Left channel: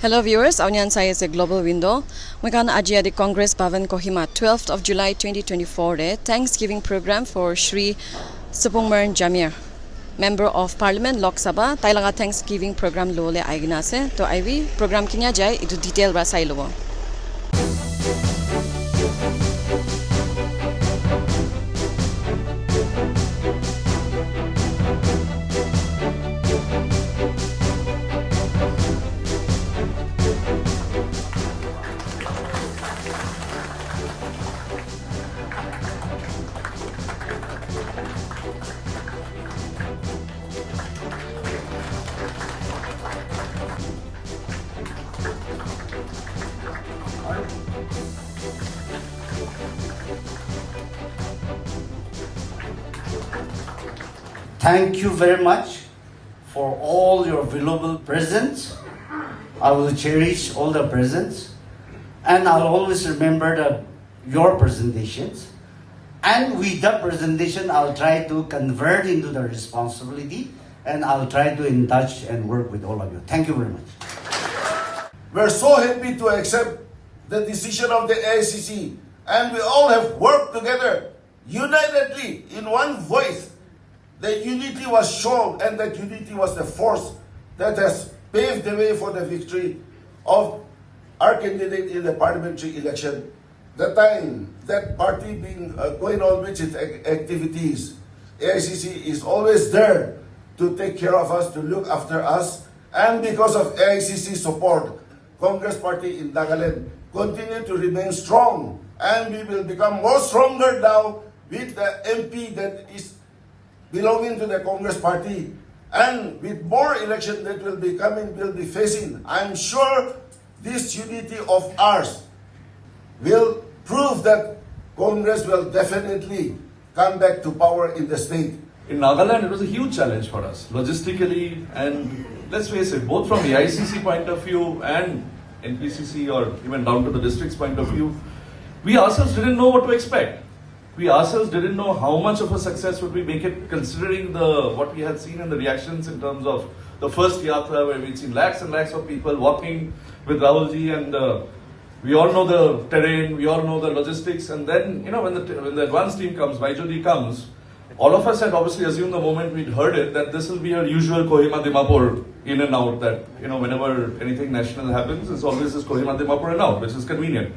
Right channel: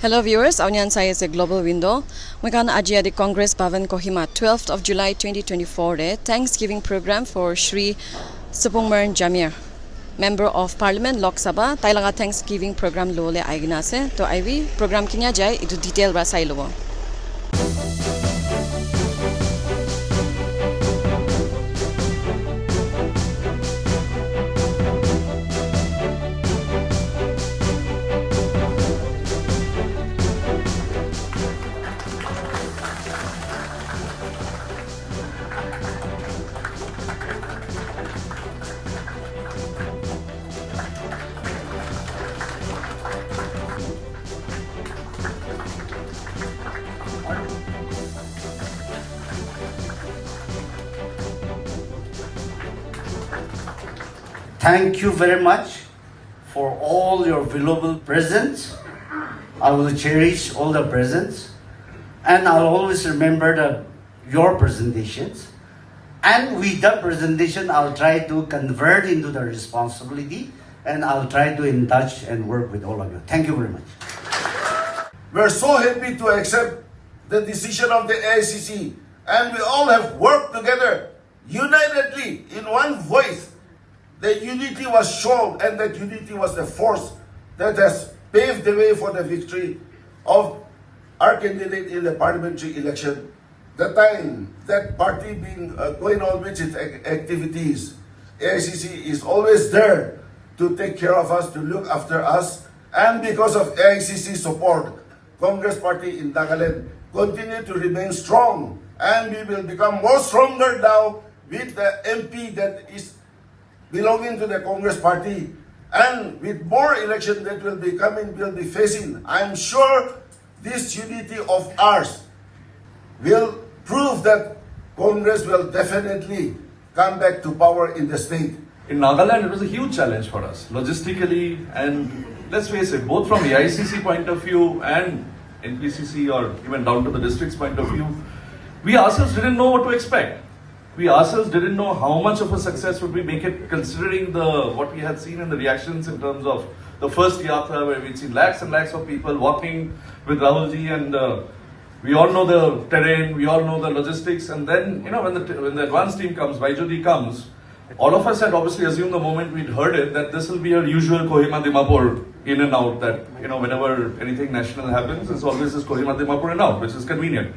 Hello viewers, aunyan saya sa Global Window. Makan aji di Congress Bhavan Kohima 12th of July 2024 de Thanksgiving program for Shri Supongmeren Jamir, Member of Parliament Lok Sabha. Tailanga Thanksgiving program lo le aigna se to iwi program kinya jai itu detail ra sai lo. Thank you very much for all your valuable presents. I will cherish all the presents, and I'll always remember your presentations. And with that presentation, I'll try to convert into the responsibility, and I'll try to in touch and work with all of you. Thank you very much. We're so happy to accept the decision of the AICC, and we all have worked together unitedly in one voice. That unity was shown, and that unity was the force that has paved the way for the victory of our candidate in the parliamentary election. The time that party being going on with its activities, AICC is always there to take care of us, to look after us, and because of AICC support, Congress Party in Nagaland continue to remain strong, and we will become more stronger now with the MP that is belonging to the Congress Party, and with more election that will be coming, will be facing, I'm sure this unity of ours will prove that Congress will definitely come back to power in the state. In Nagaland, it was a huge challenge for us, logistically, and let's face it, both from the ICC point of view and NPCC or even down to the district's point of view, we ourselves didn't know what to expect. We ourselves didn't know how much of a success would we make it, considering what we had seen in the reactions in terms of the first yatra, where we'd seen lakhs and lakhs of people walking with Rahulji, and we all know the terrain, we all know the logistics, and then when the advance team comes, Baijuji comes, all of us had obviously assumed the moment we'd heard it that this will be a usual Kohima Dimapur in and out, that whenever anything national happens, it's always this Kohima Dimapur and out, which is convenient.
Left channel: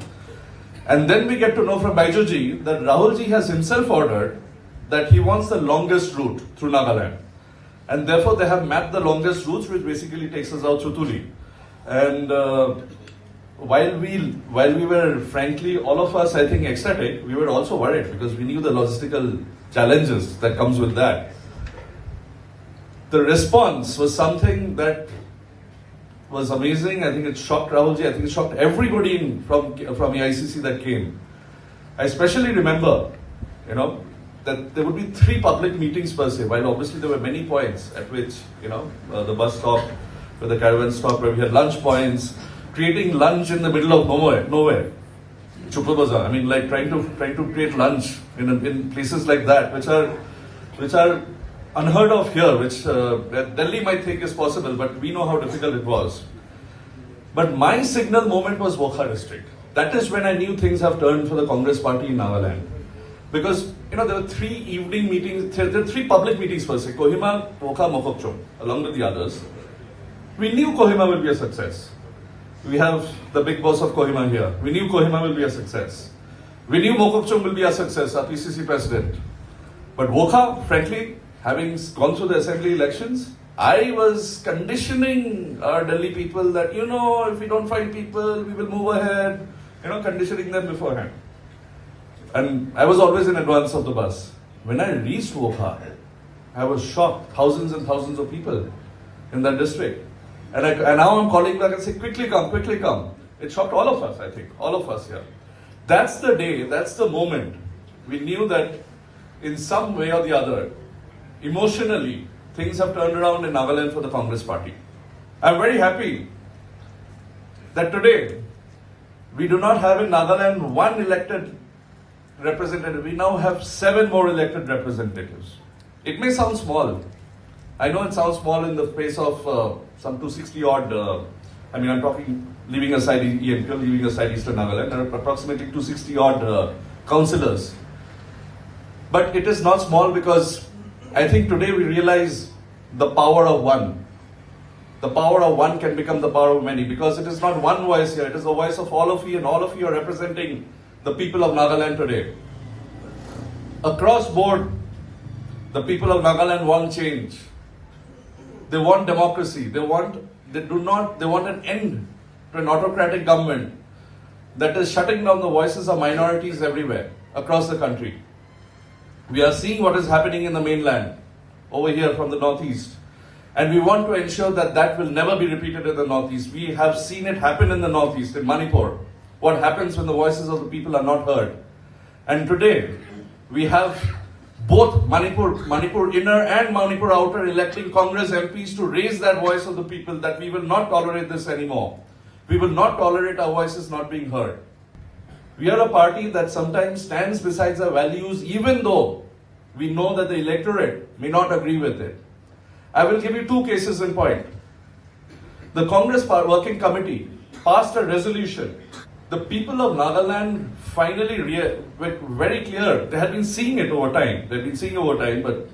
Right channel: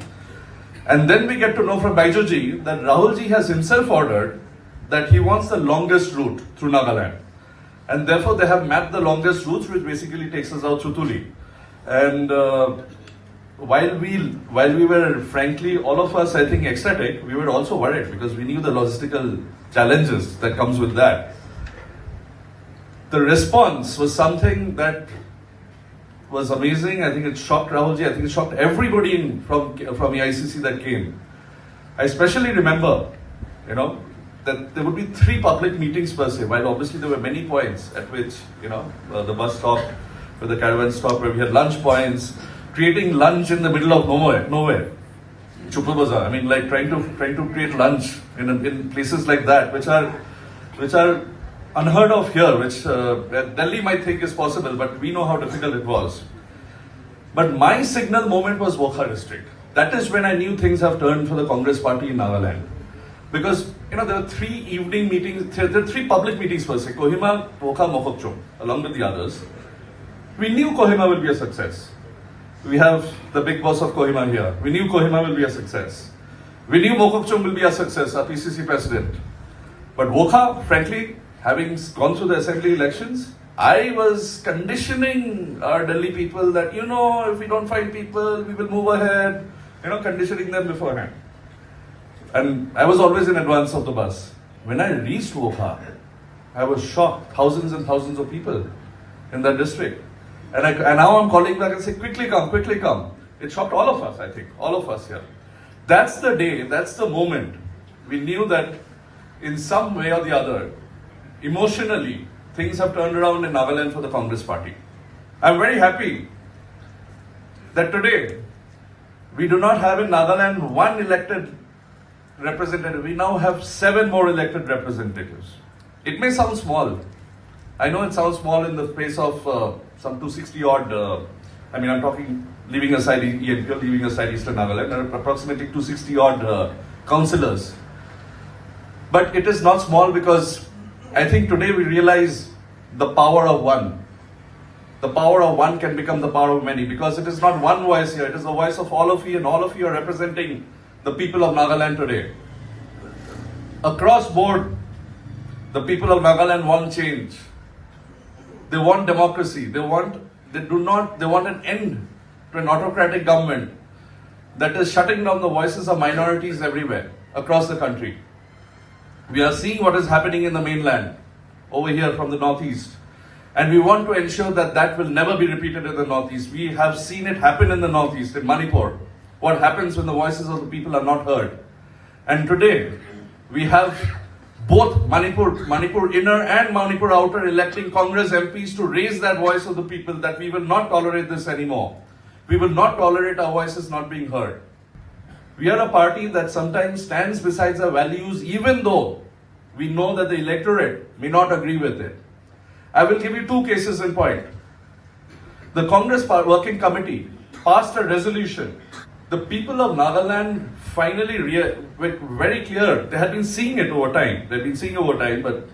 And then we get to know from Baijuji that Rahulji has himself ordered that he wants the longest route through Nagaland. And therefore they have mapped the longest routes, which basically takes us out through Tuli. And while we were frankly, all of us, I think, ecstatic, we were also worried because we knew the logistical challenges that comes with that. The response was something that was amazing. I think it shocked Rahulji. I think it shocked everybody from the ICC that came. I especially remember, that there would be 3 public meetings per se, while obviously there were many points at which, the bus stop, where the caravan stop, where we had lunch points, creating lunch in the middle of nowhere. Chupra Bazaar. I mean, like trying to create lunch in places like that, which are unheard of here, which Delhi might think is possible, but we know how difficult it was. But my signal moment was Vokha district. That is when I knew things have turned for the Congress Party in Nagaland. Because, there were 3 evening meetings, there were 3 public meetings per se, Kohima, Vokha, Mokokchung, along with the others. We knew Kohima will be a success. We have the big boss of Kohima here. We knew Kohima will be a success. We knew Mokokchung will be a success, our PCC president. But Vokha, frankly, having gone through the assembly elections, I was conditioning our Delhi people that, if we don't find people, we will move ahead, conditioning them beforehand. And I was always in advance of the bus. When I reached Vokha, I was shocked. Thousands and thousands of people in that district. And now I'm calling back and say, quickly come, quickly come. It shocked all of us, I think, all of us here. That's the day, that's the moment we knew that in some way or the other, emotionally, things have turned around in Nagaland for the Congress Party. I'm very happy that today we do not have in Nagaland 1 elected representative. We now have 7 more elected representatives. It may sound small, I know it sounds small in the space of some 260 odd I mean, I'm talking leaving aside ENP, leaving aside Eastern Nagaland, there are approximately 260 odd councillors. But it is not small, because I think today we realize the power of one. The power of one can become the power of many, because it is not one voice here, it is the voice of all of you, and all of you are representing the people of Nagaland today. Across board, the people of Nagaland want change. They want democracy. They want an end to an autocratic government that is shutting down the voices of minorities everywhere across the country. We are seeing what is happening in the mainland, over here from the northeast. And we want to ensure that that will never be repeated in the northeast. We have seen it happen in the northeast, in Manipur. What happens when the voices of the people are not heard. And today, we have both Manipur inner and Manipur outer electing Congress MPs to raise that voice of the people, that we will not tolerate this anymore. We will not tolerate our voices not being heard. We are a party that sometimes stands beside our values, even though we know that the electorate may not agree with it. I will give you two cases in point. The Congress Working Committee passed a resolution. The people of Nagaland finally were very clear. They had been seeing it over time. They've been seeing it over time, but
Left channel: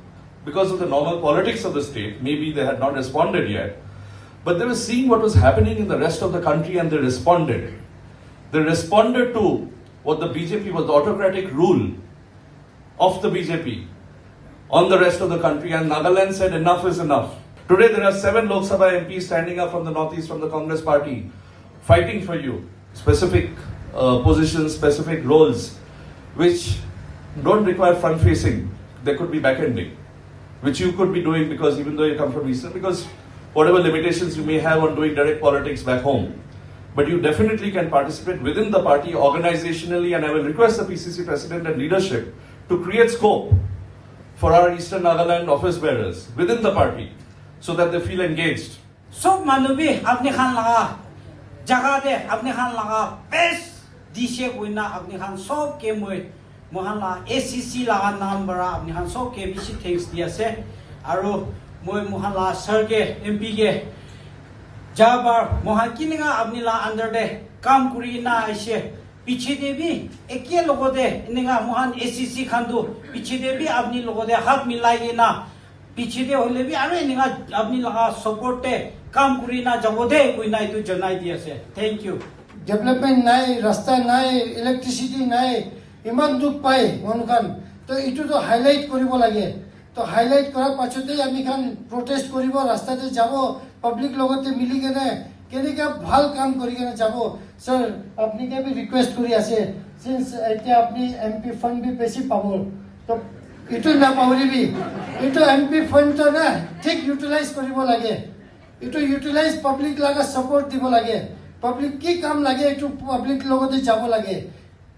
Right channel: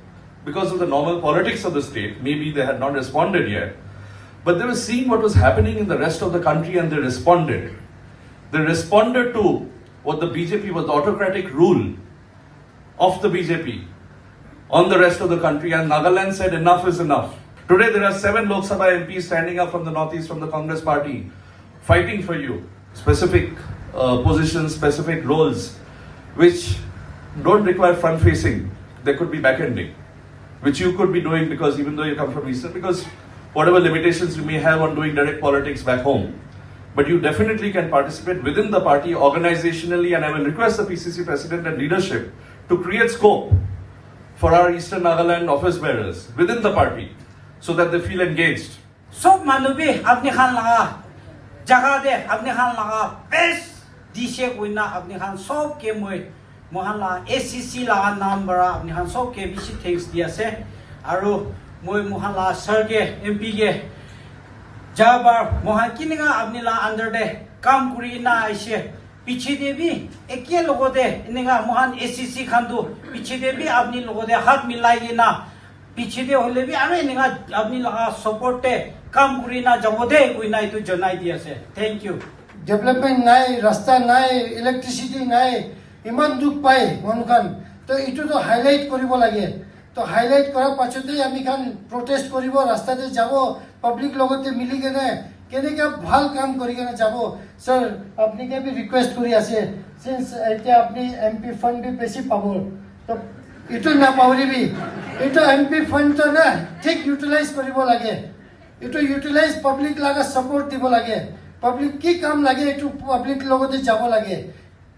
because of the normal politics of the state, maybe they had not responded yet. But they were seeing what was happening in the rest of the country, and they responded. They responded to what the BJP was, the autocratic rule of the BJP on the rest of the country, and Nagaland said enough is enough. Today there are 7 Lok Sabha MPs standing up from the northeast, from the Congress party, fighting for you. Specific positions, specific roles, which don't require front-facing. There could be back-ending, which you could be doing, because even though you come from Eastern, because whatever limitations you may have on doing direct politics back home, but you definitely can participate within the party organizationally, and I will request the PCC President and leadership to create scope for our Eastern Nagaland office bearers within the party, so that they feel engaged. Sob manubi apni khan laga jaga de apni khan laga best dishe kuina apni khan sob ke mohan la ACC laga naam bara apni khan sob ke bishi thanks diya se aro mohan la sir ke MP ke jabar mohan kininga apni la under de kam kuri na aise पीछे दे भी एक ये लोगों दे इन्हेंगा Mohan ACC Khandu पीछे दे भी अपनी लोगों दे हाथ मिलाइए ना पीछे दे होले भी अरे इन्हेंगा अपनी लगा सपोर्ट दे काम करी ना जब दे कोई ना इतु जनाई दिया से थैंक यू डेवलपमेंट नाई रास्ता नाई इलेक्ट्रिसिटी नाई इमान दुख पाए वनुखान तो इतु तो हाईलाइट करिबो लागे तो हाईलाइट करार पाछते आमी खान प्रोटेस्ट करिबो रास्ता दे जाबो पब्लिक लगते मिली केने केनेका ভাল কাম কৰি কেনে যাব স্যার আপনি কে বি রিকোয়েস্ট করি আছে সিন্স এটা আপনি এমপি ফান্ড বি বেশি পাবো তো ইটো না পাউরিবি ইটো এমপি ফান্ড তো না ঠিক ইউটিলাইজ কৰিব লাগে ইটো ইউটিলাইজ পাবলিক লাগা সাপোর্ট দিব লাগে পাবলিক কি কাম লাগে ইটো পাবলিক লগতে যাব লাগে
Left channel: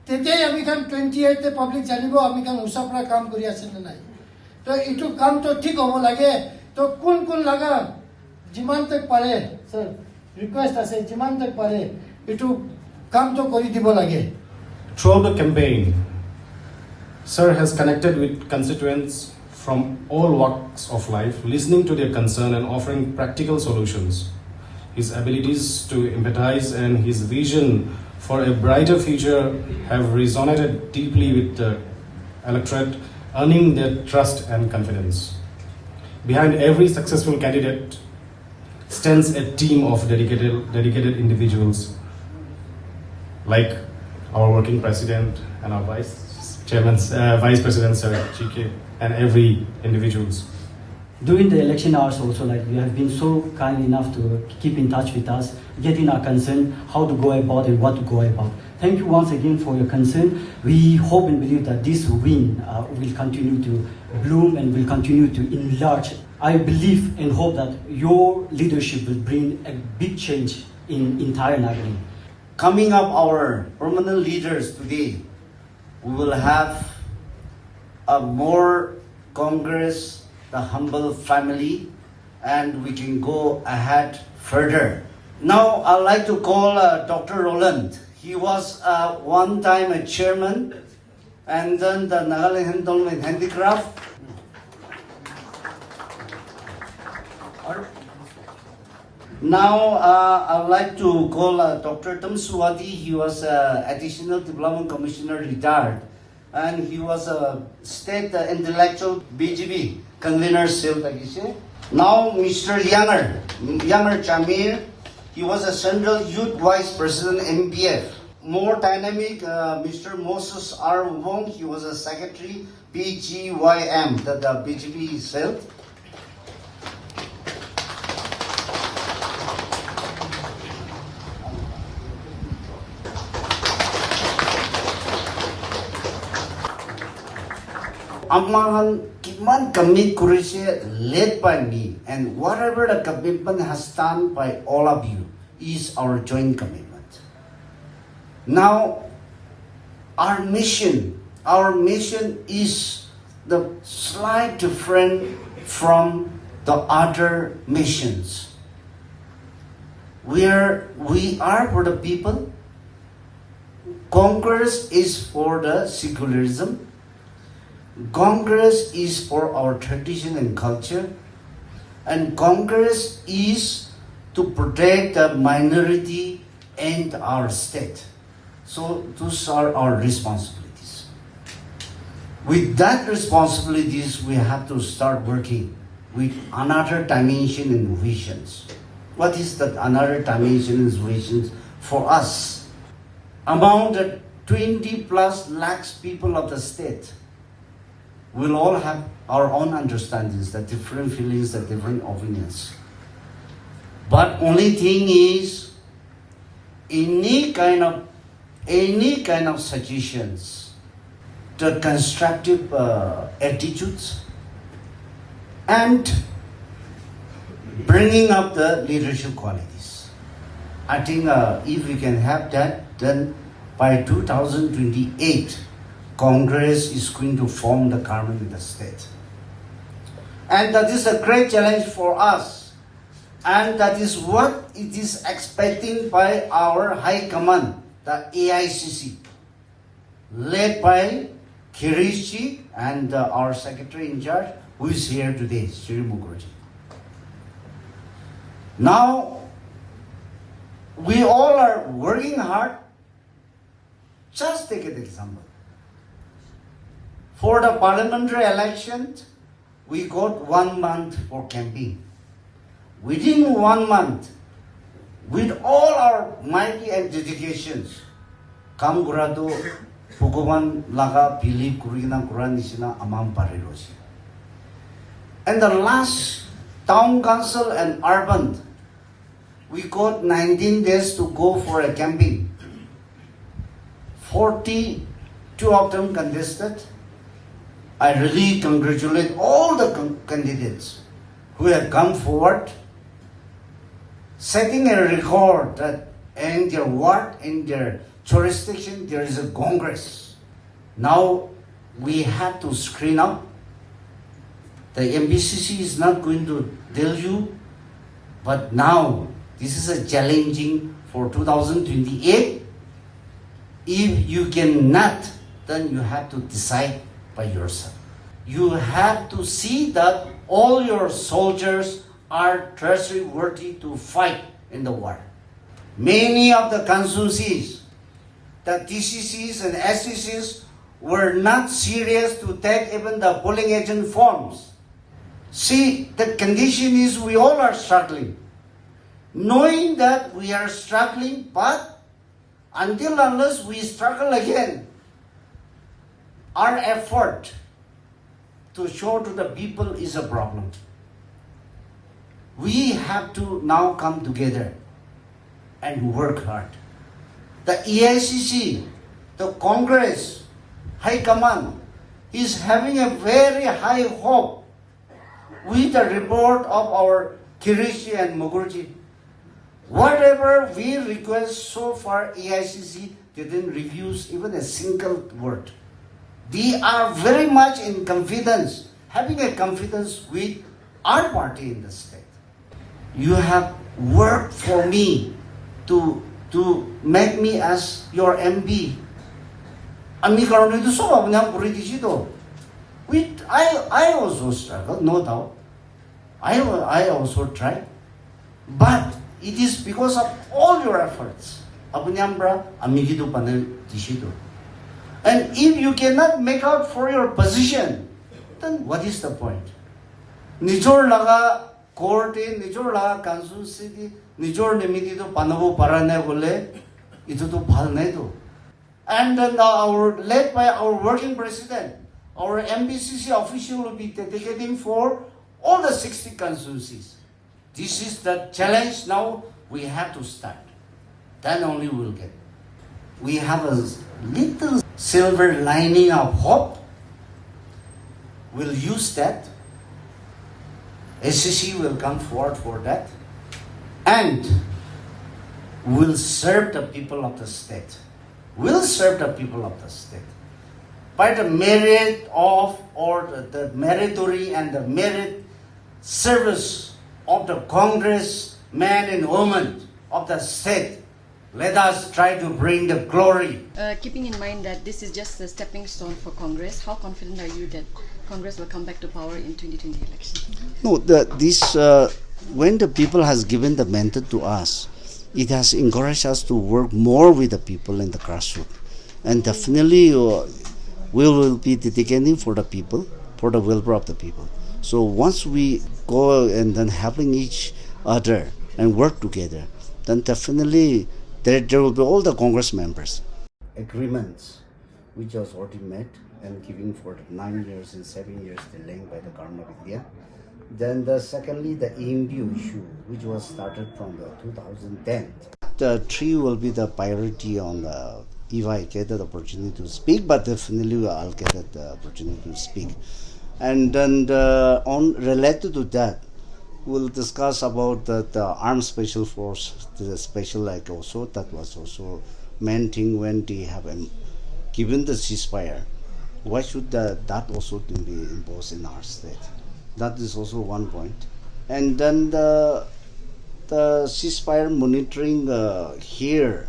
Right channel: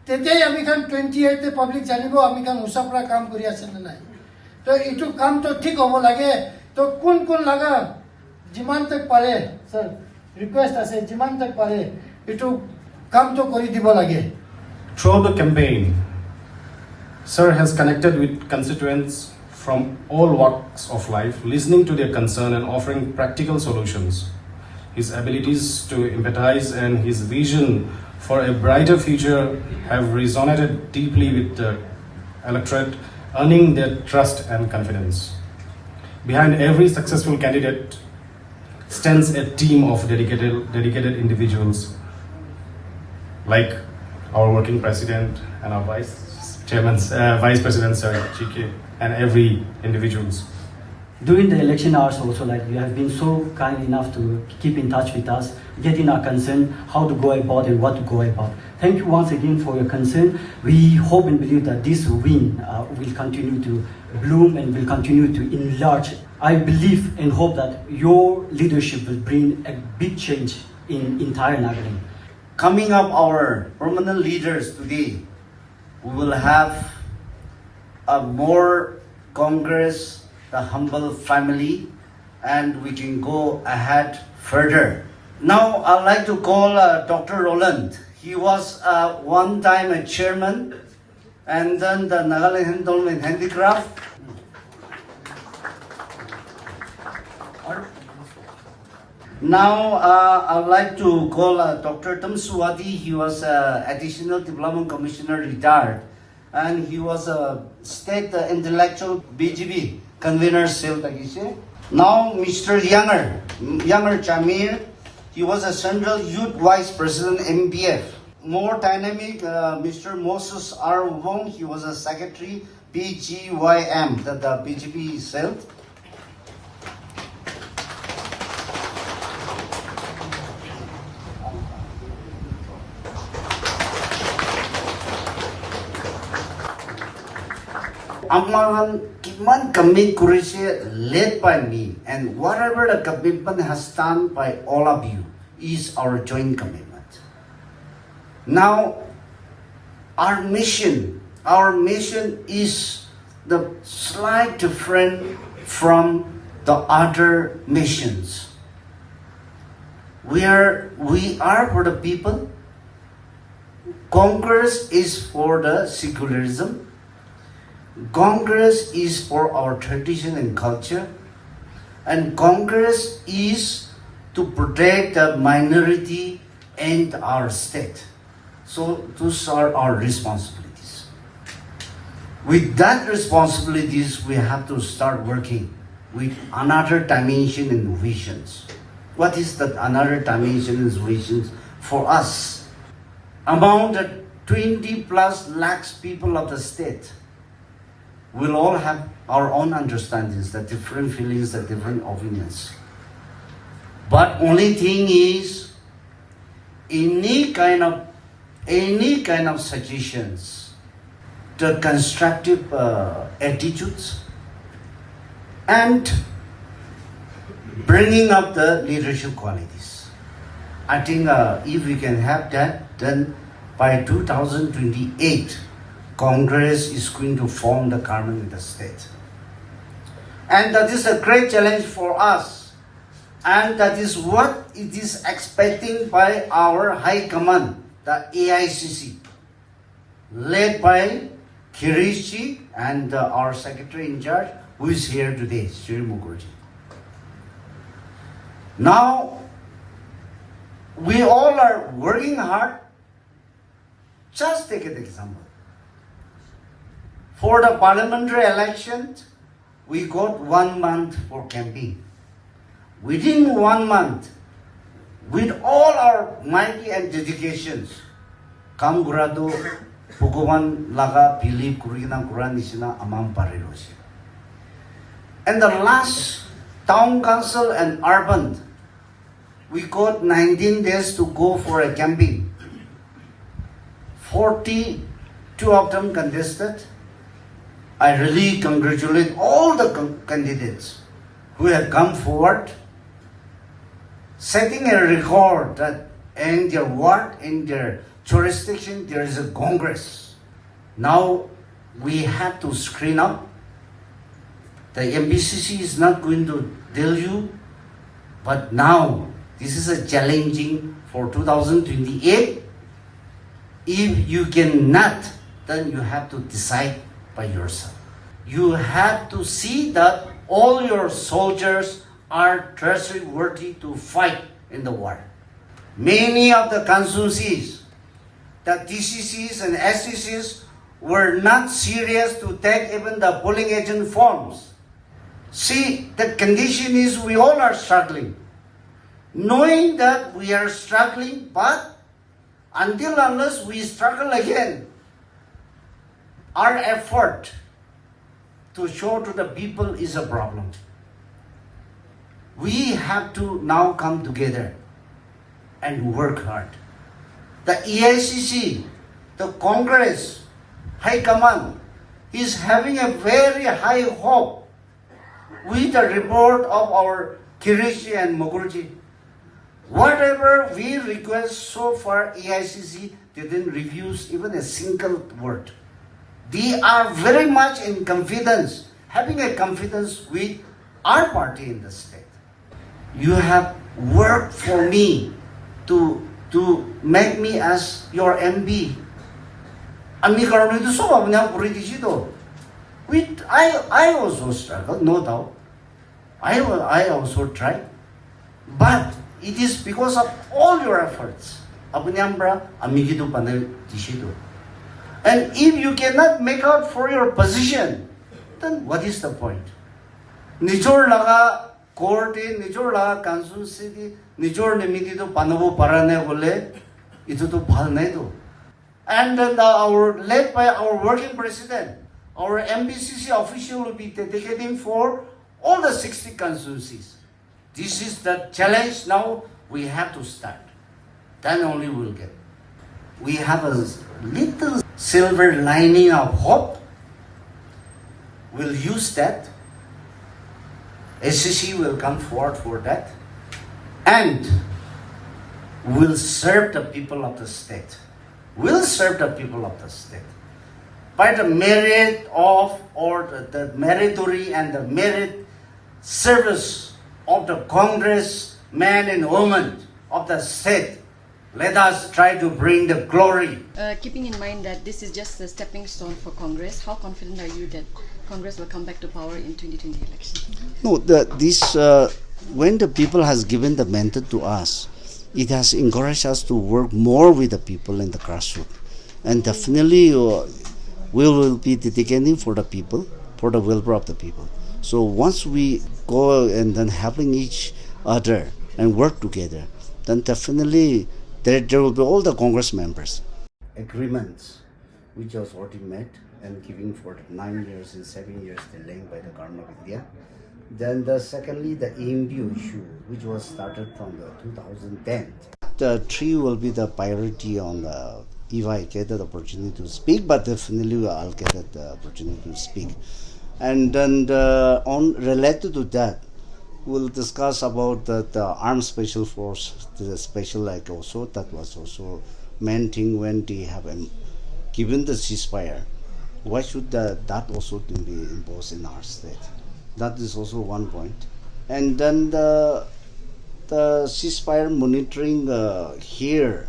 তেতিয়াই আমি খান 28 তে পাবলিক জানিব আমি খান উসাপৰা কাম কৰি আছে না নাই তো ইটো কাম তো ঠিক হ'ব লাগে তো কোন কোন লাগা যিমান তক পারে sir request as a jiman tak pare itu kam to kori dibo lage. Throughout the campaign, Sir has connected with constituents from all walks of life, listening to their concern and offering practical solutions. His abilities to empathize and his vision for a brighter future have resonated deeply with the electorate, earning their trust and confidence. Behind every successful candidate stands a team of dedicated individuals like our working president and our vice president Sir GK and every individuals. During the election hours also, like, you have been so kind enough to keep in touch with us, getting our concern, how to go about and what to go about. Thank you once again for your concern. We hope and believe that this win will continue to bloom and will continue to enlarge. I believe and hope that your leadership will bring a big change in entire Nagaland. Coming up, our permanent leaders today, we will have a more Congress, the humble family, and we can go ahead further. Now, I'd like to call Dr. Roland. He was one time a chairman, and then the Nagaland Handloom and Handicraft. Now, I would like to call Dr. Tam Suwati. He was Additional Development Commissioner retired, and he was a State Intellectual BGB Convener. Now, Mr. Jamir, he was a Central Youth Vice President MPF. More dynamic, Mr. Moses R. Wong, he was a Secretary BGYM, the BGB itself. Amahan kiman commit kurishe led by me, and whatever the commitment has done by all of you is our joint commitment. Now, our mission is the slight different from the other missions. We are for the people. Congress is for the secularism. Congress is for our tradition and culture, and Congress is to protect the minority and our state. So those are our responsibilities. With that responsibilities, we have to start working with another dimension and visions. What is that another dimension and visions for us? Among the 20 plus lakhs people of the state, we'll all have our own understandings, the different feelings, the different opinions. But only thing is, any kind of suggestions, the constructive attitudes, and bringing up the leadership qualities. I think if we can have that, then by 2028, Congress is going to form the government in the state. And that is a great challenge for us. And that is what it is expecting by our High Command, the AICC, led by Kirishi and our Secretary in charge, who is here today, Sri Mukherjee. Now, we all are working hard. Just take an example. For the parliamentary election, we got 1 month for campaign. Within 1 month, with all our might and dedications, kam gurado Bhugovan laga believe kurina kuranisina amam parilosi. And the last town council and urban, we got 19 days to go for a campaign. 42 of them contested. I really congratulate all the candidates who have come forward, setting a record that in their ward, in their jurisdiction, there is a Congress. Now we have to screen up. The MBCC is not going to tell you, but now this is a challenging for 2028. If you cannot, then you have to decide by yourself. You have to see that all your soldiers are trustworthy to fight in the war. Many of the constituencies, the DCCs and SCCs were not serious to take even the polling agent forms. See, the condition is we all are struggling. Knowing that we are struggling, but until unless we struggle again, our effort to show to the people is a problem. We have to now come together and work hard. The EICC, the Congress, High Command is having a very high hope with the report of our Kirishi and Mukherjee. Whatever we request so far, EICC didn't refuse even a single word. They are very much in confidence, having a confidence with our party in the state. You have worked for me to make me as your MP. I also struggled, no doubt. I also tried. But It is because of all your efforts. Abunyambra, amigido panel dishido. And if you cannot make out for your position, then what is the point? Nijor laga court, nijor laga constituency, nijor nimigido panabu parane gole, ito to bhal nahi do. And then led by our working president, our MBCC official will be dedicating for all the 60 constituencies. This is the challenge now we have to start. Then only we'll get. We have a little silver lining of hope. We'll use that. SCC will come forward for that. And we'll serve the people of the state. We'll serve the people of the state. By the merit of, or the meritory and the merit service of the Congress men and women of the state, let us try to bring the glory. Keeping in mind that this is just a stepping stone for Congress, how confident are you that Congress will come back to power in 2020 election? No, when the people has given the mandate to us, it has encouraged us to work more with the people in the grassroots. And definitely we will be dedicating for the people, for the welfare of the people. So once we go and then helping each other and work together, then definitely there will be all the Congress members. Agreements which was already met and giving for 9 years and 7 years delaying by the government of India. Then secondly, the EMDU issue, which was started from the 2010. The three will be the priority on the, if I get the opportunity to speak, but definitely I'll get the opportunity to speak. And then on related to that, we'll discuss about the armed special force, the special like also, that was also main thing when they have given the ceasefire. Why should that also be imposed in our state? That is also one point. And then the ceasefire monitoring here,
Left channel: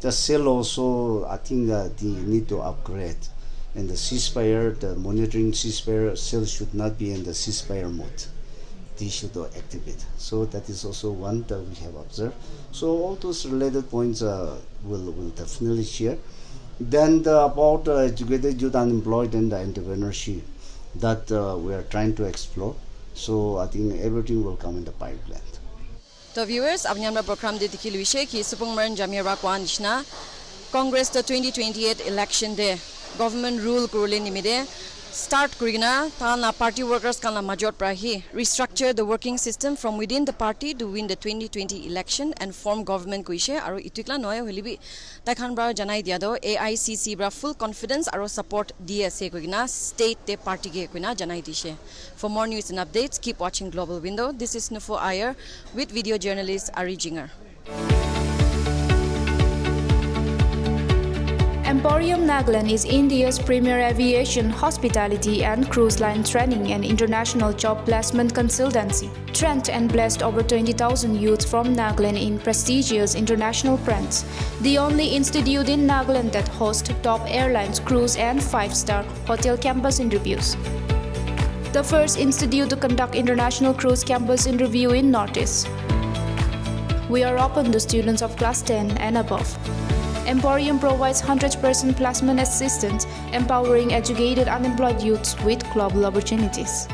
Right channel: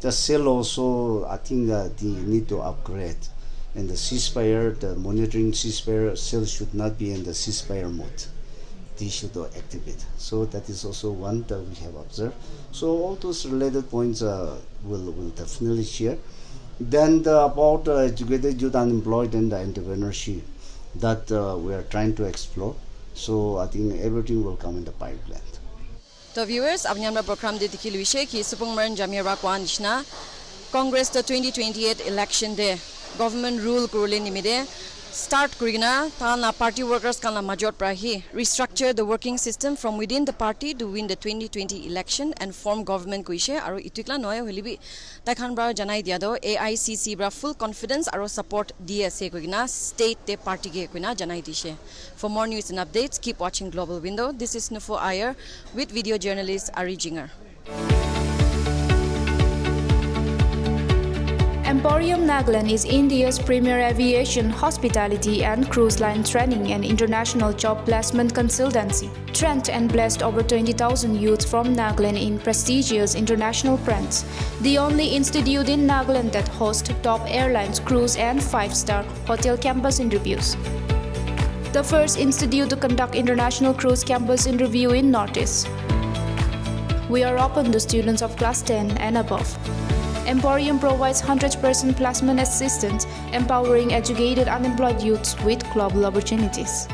the cell also, I think they need to upgrade. And the ceasefire, the monitoring ceasefire cell should not be in the ceasefire mode. They should activate. So that is also one that we have observed. So all those related points will definitely share. Then about educated youth unemployed and the entrepreneurship that we are trying to explore. So I think everything will come in the pipeline. So viewers, abnyamra program de dikiluishe ki Supongmeren Jamir Rakwan Ishna Congress the 2028 election day government rule kurule nimide start kurina tana party workers kana major prahi restructure the working system from within the party to win the 2020 election and form government kuishe aru itukla noy holibi takhan bra janai dia do AICC bra full confidence aru support DSA kuina state te party ge kuina janai dishe. For more news and updates, keep watching Global Window. This is Nufo Iyer with video journalist Ari Jinger. Emporium Nagaland is India's premier aviation, hospitality and cruise line training and international job placement consultancy. Trained and blessed over 20,000 youths from Nagaland in prestigious international brands. The only institute in Nagaland that hosts top airlines, cruise and 5-star hotel campus interviews. The first institute to conduct international cruise campus interview in Northeast. We are open to students of class 10 and above. Emporium provides 100% placement assistance, empowering educated unemployed youths with global opportunities.